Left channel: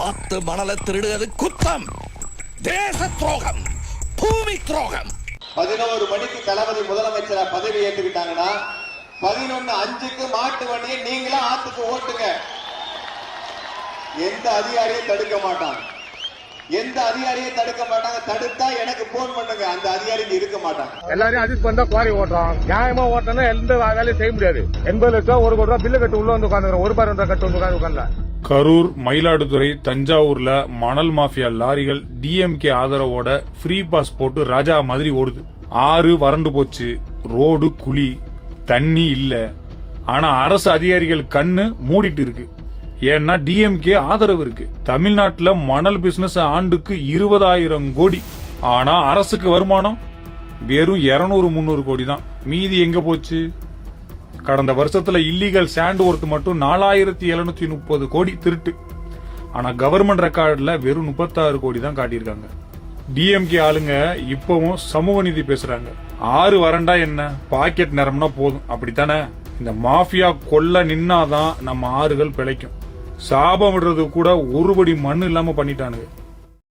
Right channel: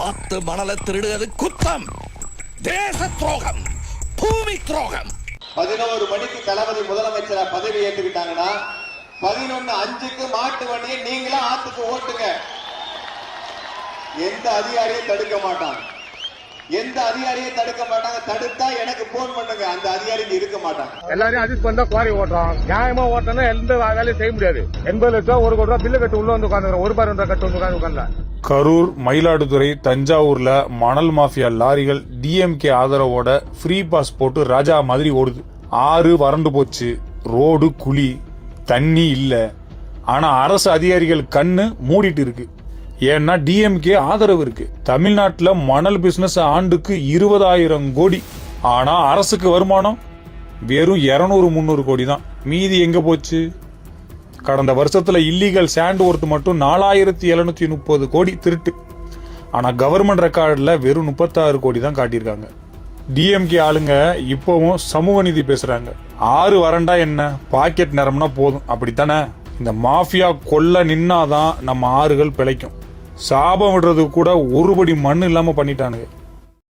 ஆத்து மணலை திருடுவது குத்தம், தேச துரோகம், பூமி துரோகம். 11 மணிக்கு தளபதி முதலமைச்சரா பதவி ஏற்றுக்கிட்டாங்கன்னா 11:05க்கு மாட்டு வண்டியை நீங்களா ஆத்துக்கு ஓட்டுங்க. எந்த அதிகாரியும் தடுக்க மாட்டாங்க. தடுத்தா எனக்கு போன் பண்ணுங்க. அந்த அதிகாரி இருக்க மாட்டாங்க. எல்லாரையும் அட்ஜஸ்ட் பண்ணா குவாரி ஓட்டுறோம். நியாயமா ஓட்டணும். எந்த வேலையும் செய்ய முடியாது. 80 லட்சம் 1 கோடி ரூபாய் பில்லு கட்டு உள்ள வந்து உட்காந்துக்கிறோம். 1 ரூபாய் கட்டு வந்து உட்காந்து. கரூர், மயிலாடுதுறை, தஞ்சாவூர்ல மணல் மாஃபியா லாரிகள் டிஎம்கே ஆதரவோட ஃப்ரீ பாஸ் போட்டு ராஜா மாதிரி ஓடுது. ஆறு வறண்டு போச்சு, ரோடு குழி, தண்ணி இல்ல. ஆனா அரசு அதிகாரிகள் கண்ணு மூடிட்டு இருக்கு. ஏன்னா டிஎம்கே ஆதரவு இருக்கு. தமிழ்நாட்டுல மணல் பிசினஸ் ஆண்டுக்கு 20,000 கோடி. ஆனா அரசுக்கு வருமானம் வெறும் 200-300 கோடி தான். மீதி எங்க போச்சு? கடந்த வருஷத்துல இல்லீகல் சாண்ட் ஒர்த் மட்டும் 4,730 கோடி திருட்டு. ஆனா கவர்மெண்ட் ரெக்கார்ட்ல வெறும் 36 கோடி தான் காட்டியிருக்காங்க. டிஎம்கே ஆளுங்க இப்பவும் சமூக நீதி பேசுறாங்க. ஆறு வறண்டா என்ன, பாக்கெட் நிரம்னா போதும், அப்படித்தானே? இந்த மாஃபியா கொல்ல நின்னாதான் நம்ம ஆறுகள் பிழைக்கும். சாபம் விடுறது கூட 1 படி மண் இல்லாம பண்ணிட்டானுங்க.